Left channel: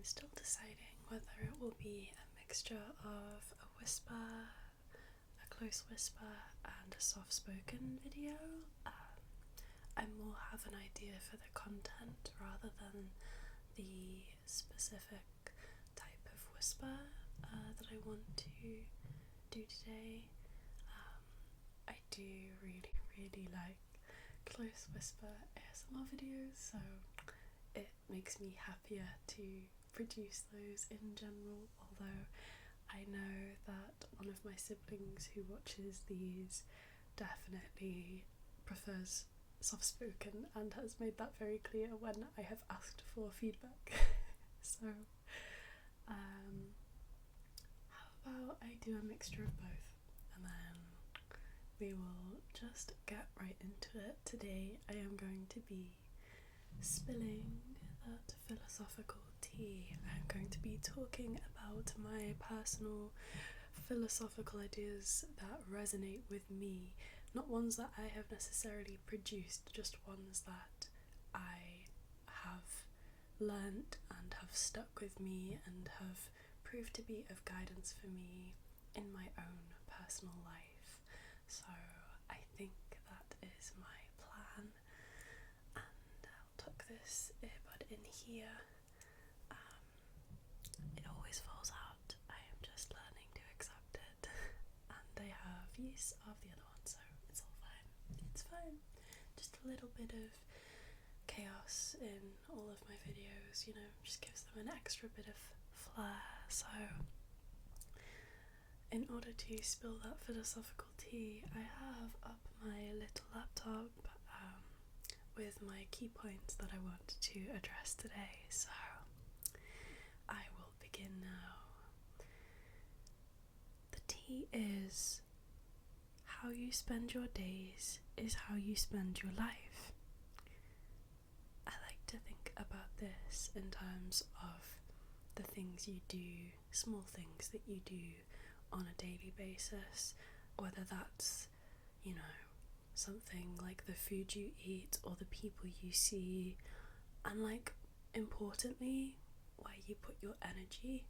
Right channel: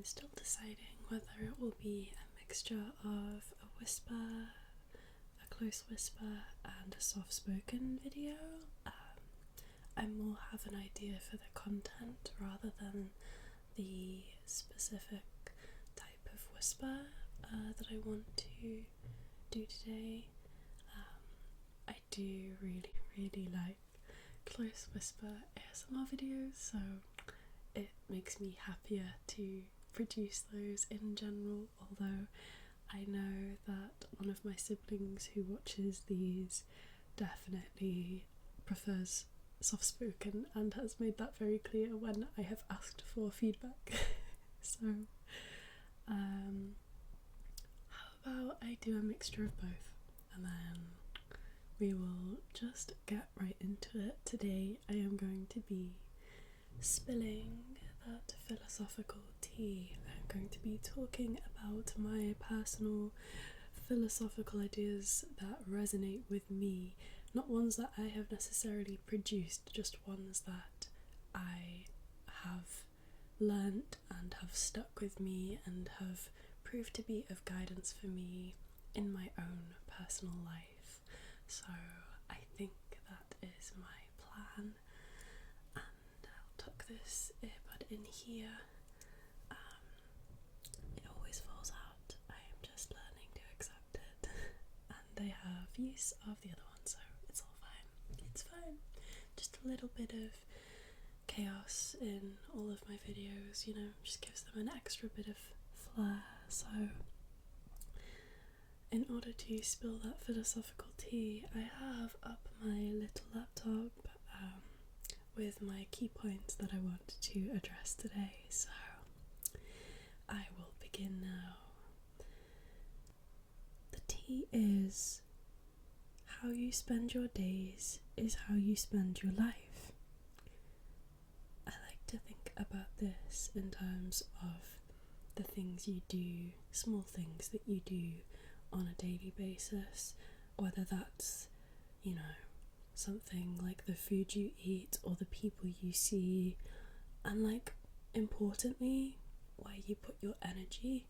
I'm still deciding whether it will be a mixture of a whisper, a close whisper, and a soft-spoken video. I more have an idea for the content rather than the specific type of whisper that I want to do today. I do really like close whisper ASMR videos, so it makes me happier to produce those in general, although I know that one of my siblings who watches these definitely prefers soft-spoken and has made that very clear when I have asked for feedback. So how about I do a mixture of both, and then we will just get right into it. Today I am going to be spilling that philosophical tea. I'm going to be talking about my personal philosophical ideas that resonate with me, not ones that I have necessarily produced, just ones that I have learnt and have stuck with me and have proved to be of guidance for me in my own personal life. So I think that is my plan, and I'll tuck this earbud in here. It always falls out. I am just learning to accept it, and I have use of the other one, so it's all fine. It's fine. Just a little bit of chaos in all of my videos, you know, just gives them an extra bit of flair. So in order to spill that philosophical tea, I have up my little laptop with my key points that I want to address today. So I will begin now. The tea is: how you spend your days is how you spend your life. I like to think about this in terms of the things you do, small things that you do on a daily basis, whether that's, you know, something like the food you eat or the people you see, and like importantly, where you put your energy.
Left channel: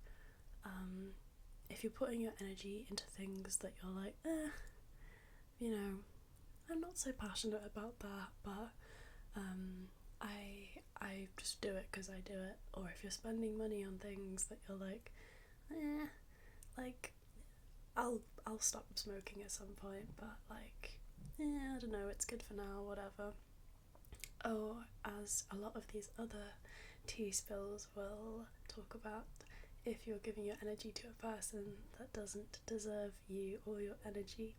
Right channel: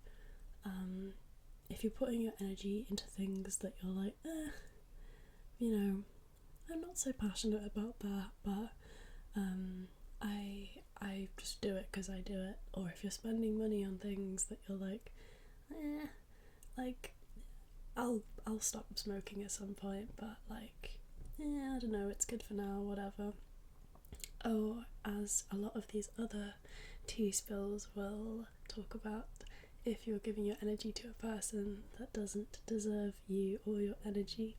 If you're putting your energy into things that you're like, you know, I'm not so passionate about that, but I just do it because I do it. Or if you're spending money on things that you're like, like I'll stop smoking at some point, but like, I don't know, it's good for now, whatever. Or as a lot of these other tea spills will talk about, if you're giving your energy to a person that doesn't deserve you or your energy,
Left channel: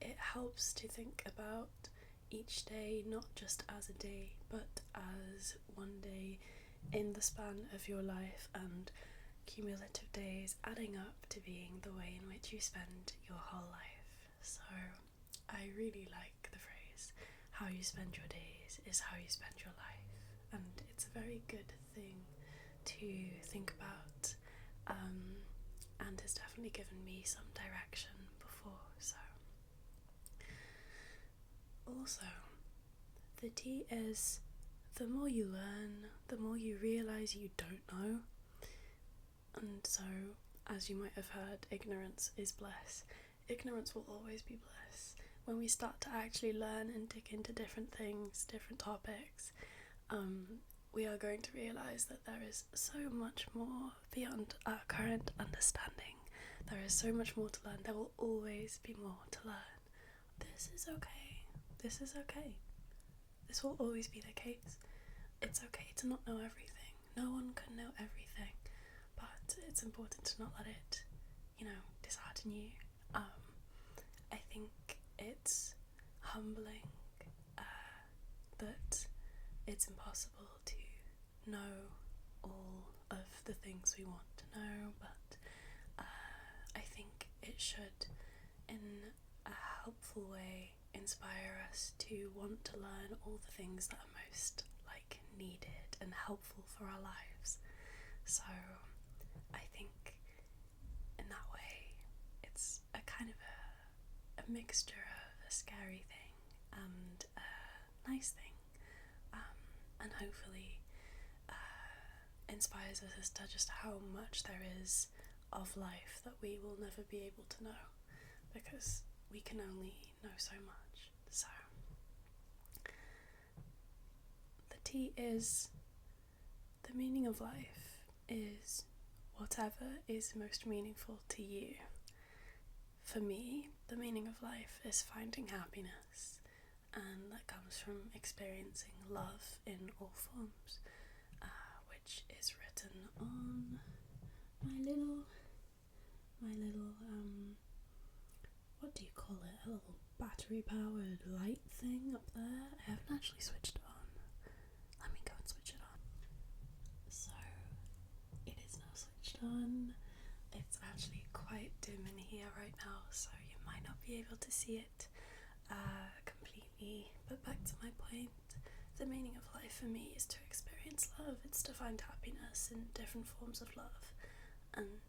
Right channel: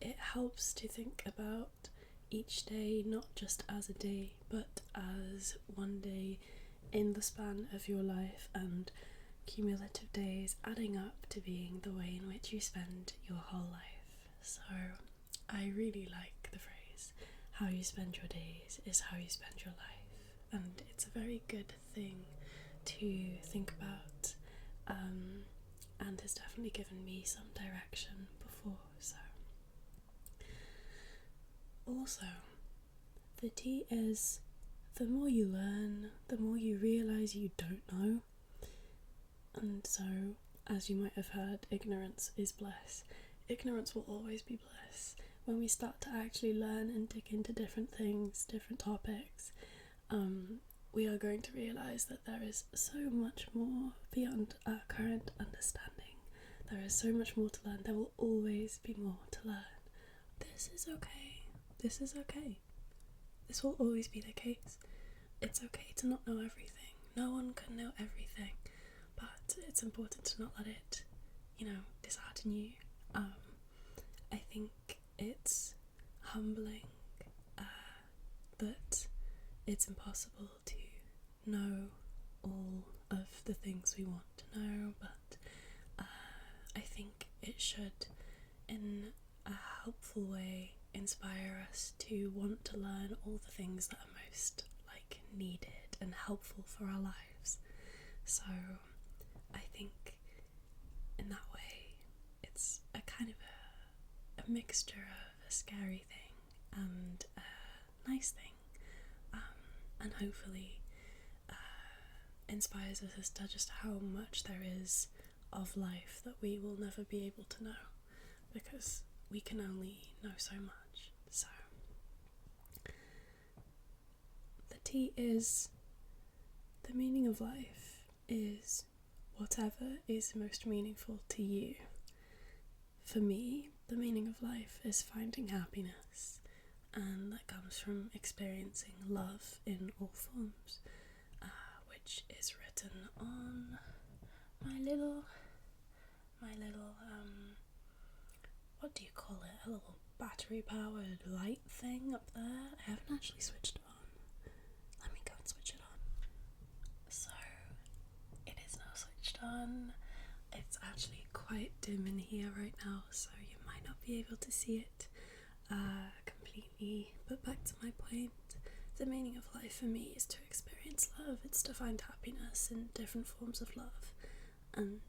it helps to think about each day not just as a day, but as one day in the span of your life, and cumulative days adding up to being the way in which you spend your whole life. So I really like the phrase, how you spend your days is how you spend your life, and it's a very good thing to think about, and has definitely given me some direction before. So also, the tea is: the more you learn, the more you realise you don't know. And so, as you might have heard, ignorance is bliss. Ignorance will always be bliss. When we start to actually learn and dig into different things, different topics, we are going to realise that there is so much more beyond our current understanding. There is so much more to learn. There will always be more to learn. This is okay. This is okay. This will always be the case. It's okay to not know everything. No one can know everything, but it's important to not let it, you know, dishearten you. I think it's humbling that it's impossible to know all of the things we want to know, but I think it should, in a helpful way, inspire us to want to learn all the things that are most like needed and helpful for our lives. So I think in that way it's a kind of a mixture of a scary thing and a nice thing, and hopefully inspires us as to just how much there is of life that we will never be able to know, because we can only know so much. So the T is the meaning of life is whatever is most meaningful to you. For me, the meaning of life is finding happiness, and that comes from experiencing love in all forms, which is written on my little, what do you call it? A little battery-powered light thing up there. I haven't actually switched it on. Let me go and switch it on. So, it is now switched on. It's actually quite dim in here right now, so you might not be able to see it completely. But back to my point, the meaning of life for me is to experience love. It's to find happiness in different forms of love. And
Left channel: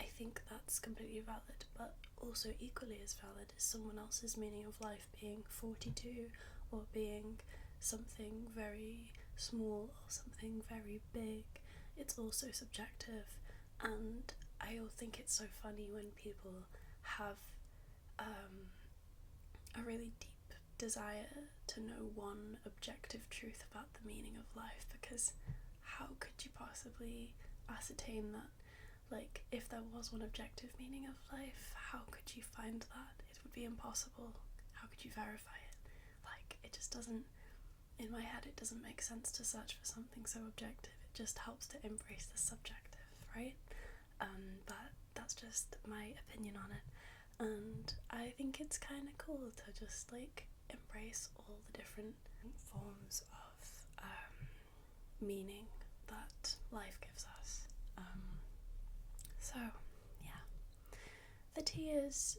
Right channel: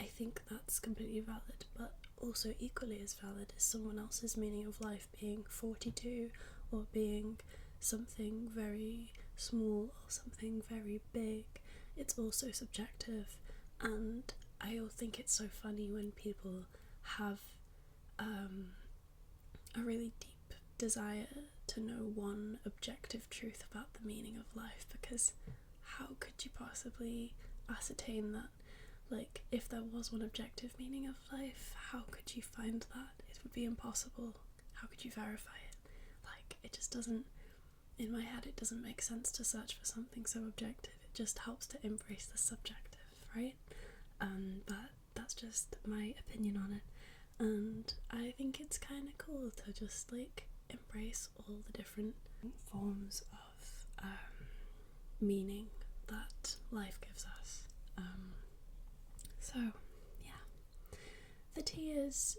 I think that's completely valid, but also equally as valid is someone else's meaning of life being 42 or being something very small or something very big. It's also subjective, and I think it's so funny when people have a really deep desire to know one objective truth about the meaning of life, because how could you possibly ascertain that? Like, if there was one objective meaning of life, how could you find that? It would be impossible. How could you verify it? Like, it just doesn't, in my head, it doesn't make sense to search for something so objective. It just helps to embrace the subjective, right? But that's just my opinion on it. And I think it's kind of cool to just, like, embrace all the different forms of meaning that life gives us. So, yeah. The T is,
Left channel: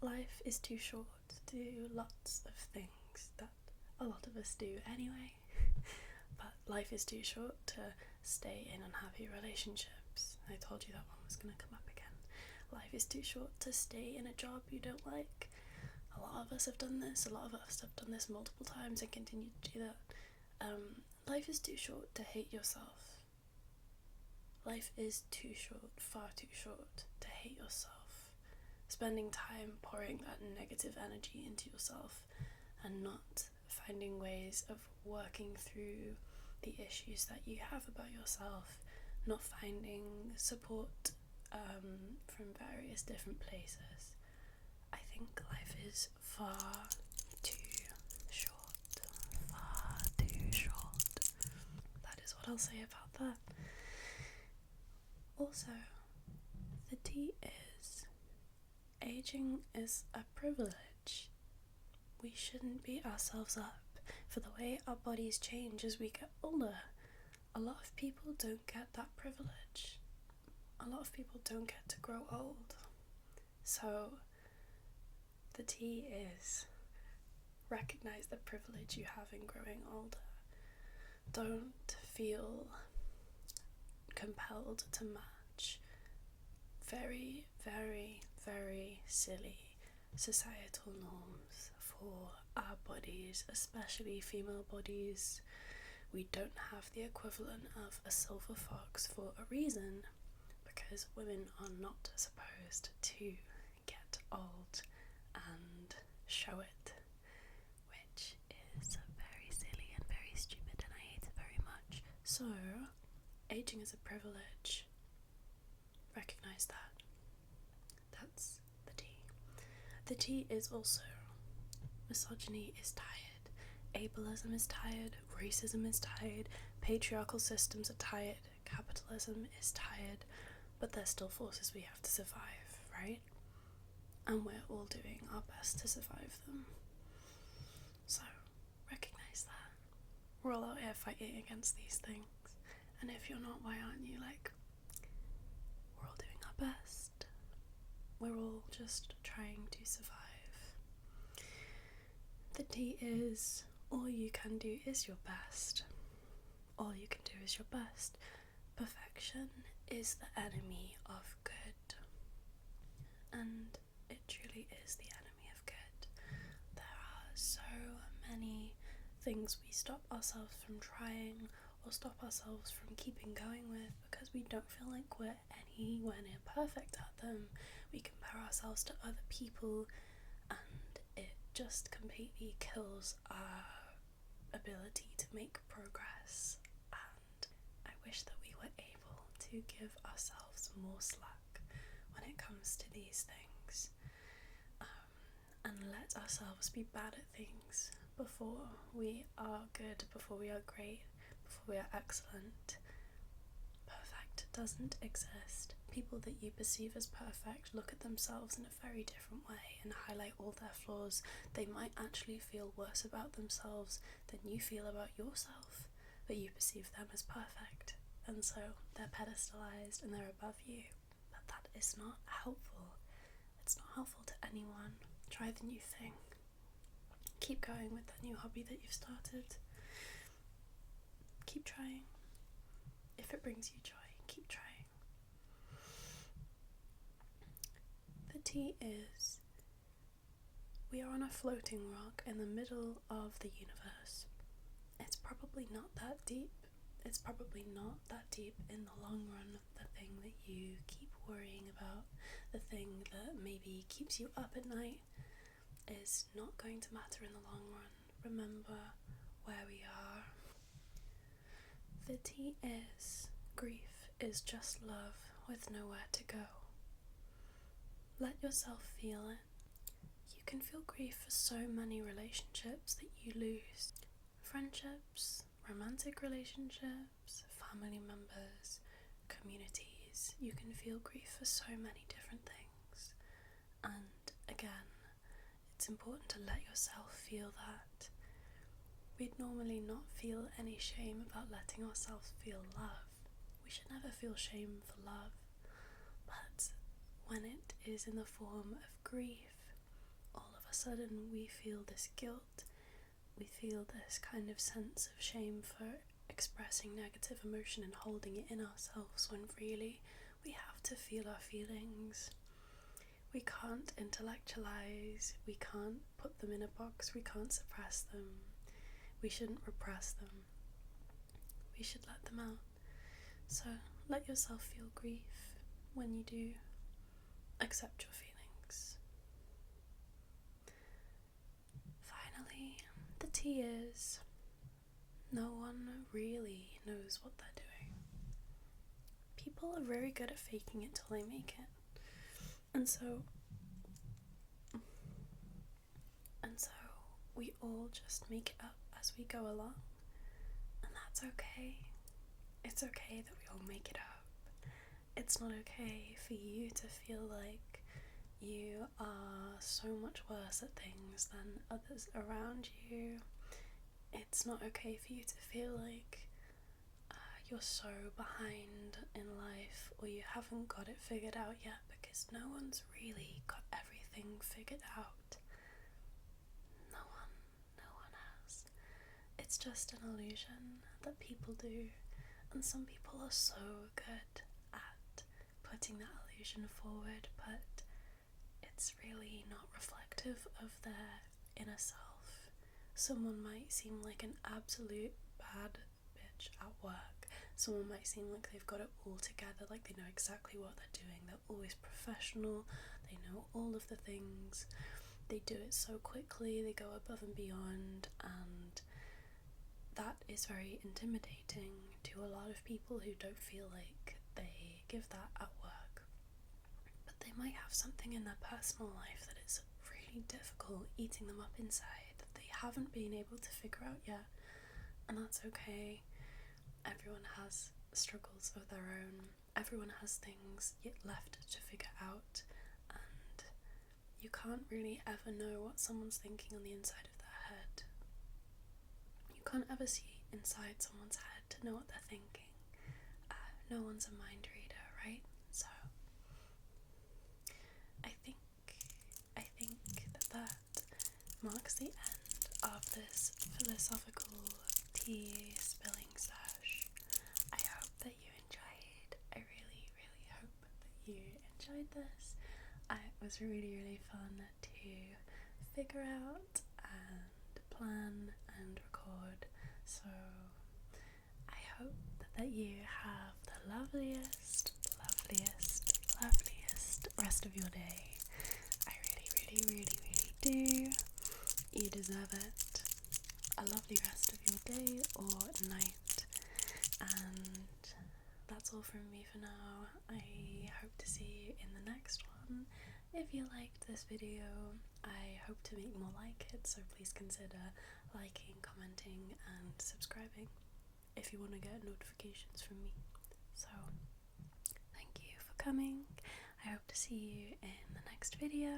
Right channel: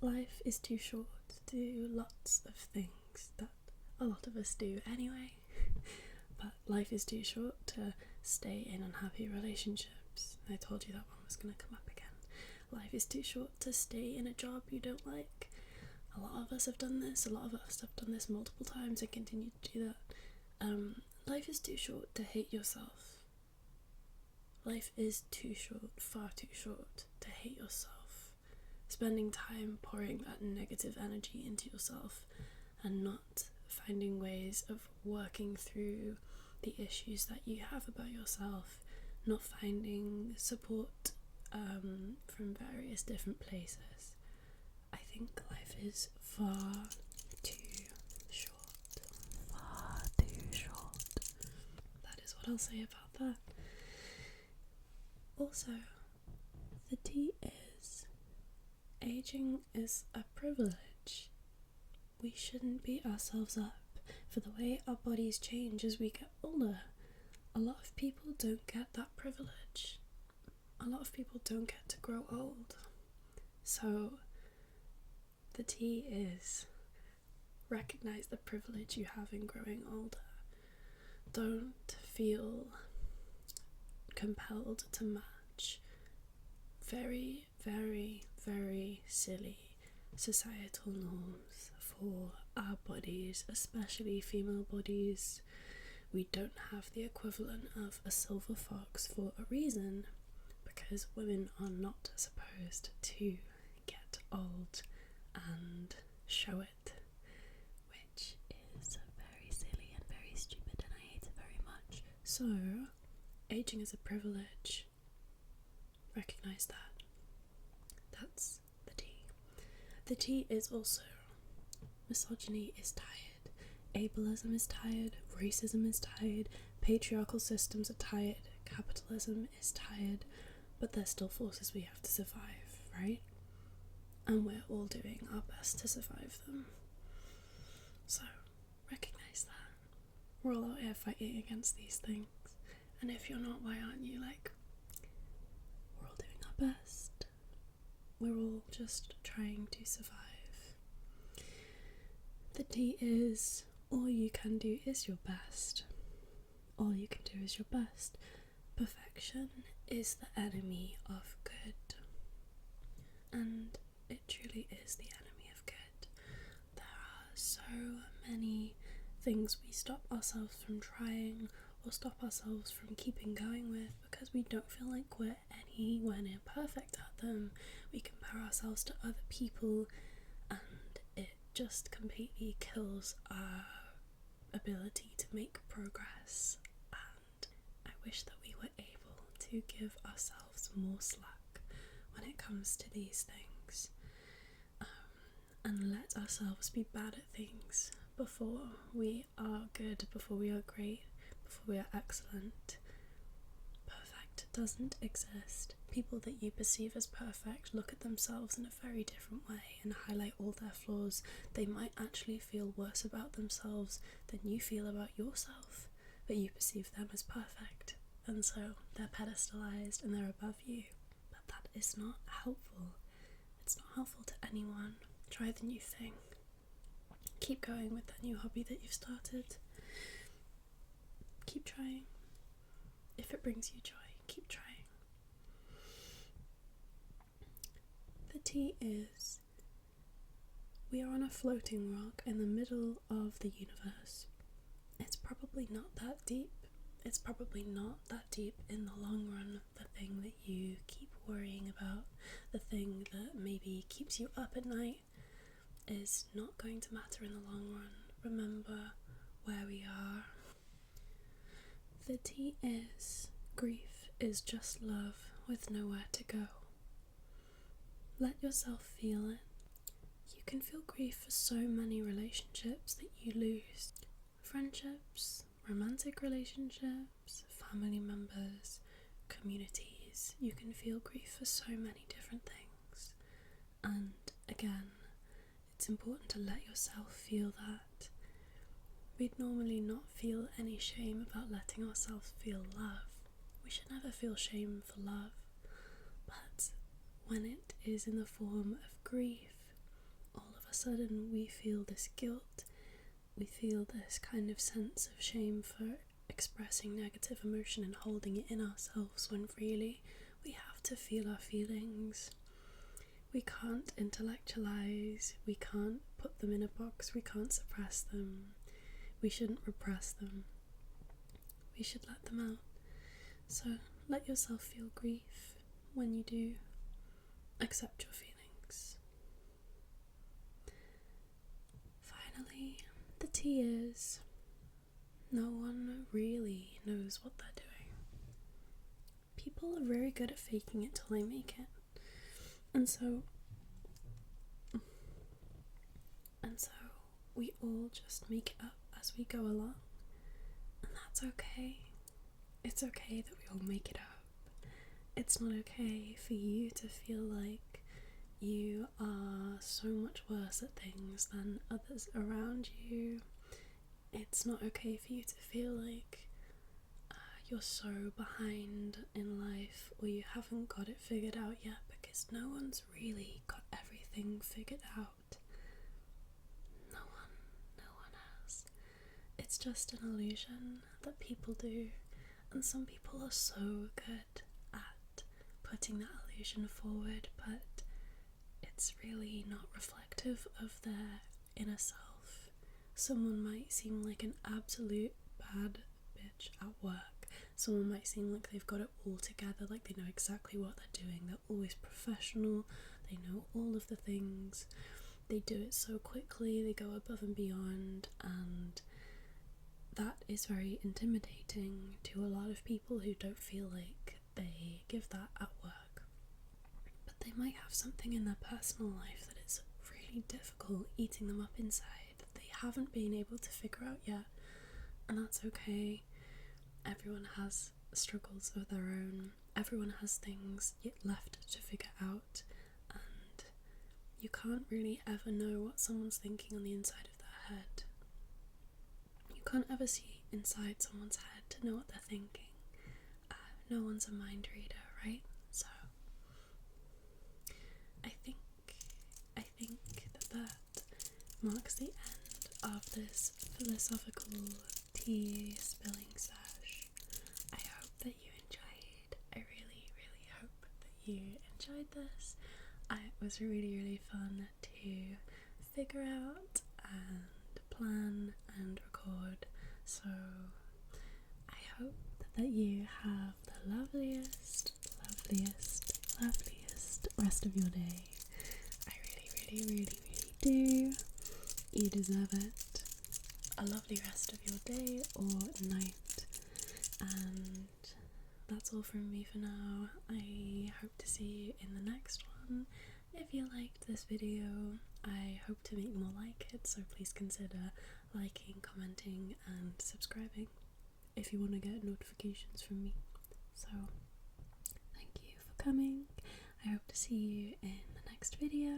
life is too short to do lots of things that a lot of us do anyway. But life is too short to stay in unhappy relationships. I told you that one was going to come up again. Life is too short to stay in a job you don't like. A lot of us have done this. A lot of us have done this multiple times and continue to do that. Life is too short to hate yourself. Life is too short, far too short, to hate yourself. Spending time pouring that negative energy into yourself and not finding ways of working through the issues that you have about yourself, not finding support from various different places. I think life is far too short. Far too short. That is what I'll say about that. Also, the T is, aging is a privilege. We shouldn't beat ourselves up for the way our bodies change as we get older. A lot of people don't get that privilege. A lot of people don't get to grow old. So, the T is, recognize the privilege you have in growing older. Don't feel compelled to match very, very, very silly societal norms for our bodies, especially female bodies. We don't have the equivalent of a silver fox for a reason, because women are not supposed to get old and show it, which is very silly and very stupid, and I hate it very much. So, aging is a privilege. Recognize that. That's the T. The T is also, misogyny is tired, ableism is tired, racism is tired, patriarchal systems are tired, capitalism is tired, but they're still forces we have to survive, right? And we're all doing our best to survive them. So, recognize that. We're all out here fighting against these things. And if you're not, why aren't you? Like, we're all doing our best. We're all just trying to survive. The T is, all you can do is your best. All you can do is your best. Perfection is the enemy of good. And it truly is the enemy of good. There are so many things we stop ourselves from trying or stop ourselves from keeping going with because we don't feel like we're anywhere near perfect at them. We compare ourselves to other people and it just completely kills our ability to make progress. And I wish that we were able to give ourselves more slack when it comes to these things, and let ourselves be bad at things before we are good, before we are great, before we are excellent. Perfect doesn't exist. People that you perceive as perfect look at themselves in a very different way and highlight all their flaws. They might actually feel worse about themselves than you feel about yourself, but you perceive them as perfect, and so they're pedestalized and they're above you. But that is not helpful. It's not helpful to anyone. Try the new thing. Keep going with that new hobby that you've started. Keep trying. If it brings you joy, keep trying. The T is, we are on a floating rock in the middle of the universe. It's probably not that deep. It's probably not that deep in the long run. The thing that you keep worrying about, the thing that maybe keeps you up at night, is not going to matter in the long run. Remember where we are. The T is, grief is just love with nowhere to go. Let yourself feel it. You can feel grief for so many relationships that you lose. Friendships, romantic relationships, family members, communities. You can feel grief for so many different things. And again, it's important to let yourself feel that. We'd normally not feel any shame about letting ourselves feel love. We should never feel shame for love. But when it is in the form of grief, all of a sudden we feel this guilt. We feel this kind of sense of shame for expressing negative emotion and holding it in ourselves, when really we have to feel our feelings. We can't intellectualize, we can't put them in a box, we can't suppress them. We shouldn't repress them. We should let them out. So let yourself feel grief. When you do, accept your feelings. Finally, the T is, no one really knows what they're doing. People are very good at faking it till they make it. And so we all just make it up as we go along. And that's okay. It's okay that we all make it up. It's not okay for you to feel like you are so much worse at things than others around you. It's not okay for you to feel like you're so behind in life, or you haven't got it figured out yet, because no one's really got everything figured out. No one has. It's just an illusion that people do, and some people are so good at putting that illusion forward, but it's really not reflective of their inner self. Someone might seem like an absolute bad bitch at work. Someone might seem like they've got it all together, like they know exactly what they're doing. They're always professional, they know all of the things, they do it so quickly, they go above and beyond, and that is very intimidating to a lot of people who don't feel like they give that at work. But they might have something in their personal life that is really difficult eating them up inside that they haven't been able to figure out yet, and that's okay. Everyone has struggles of their own. Everyone has things yet left to figure out, and you can't really ever know what someone's thinking on the inside of their head. You can't ever see inside someone's head to know what they're thinking. No one's a mind reader, right? So I think that marks the end of this philosophical tea spilling sesh. I hope that you enjoyed. I really, really hope that you enjoyed this. It was really, really fun to figure out and plan and record. So I hope that you have the loveliest, loveliest, loveliest rest of your day. I really, really, really, really do. You deserve it. A lovely rest of your day or night. And that's all from me for now. I hope to see you in the next one. If you liked this video, I hope to make more like it, so please consider liking, commenting and subscribing if you want to get notifications from me. So thank you for coming. I hope to see you in the next video.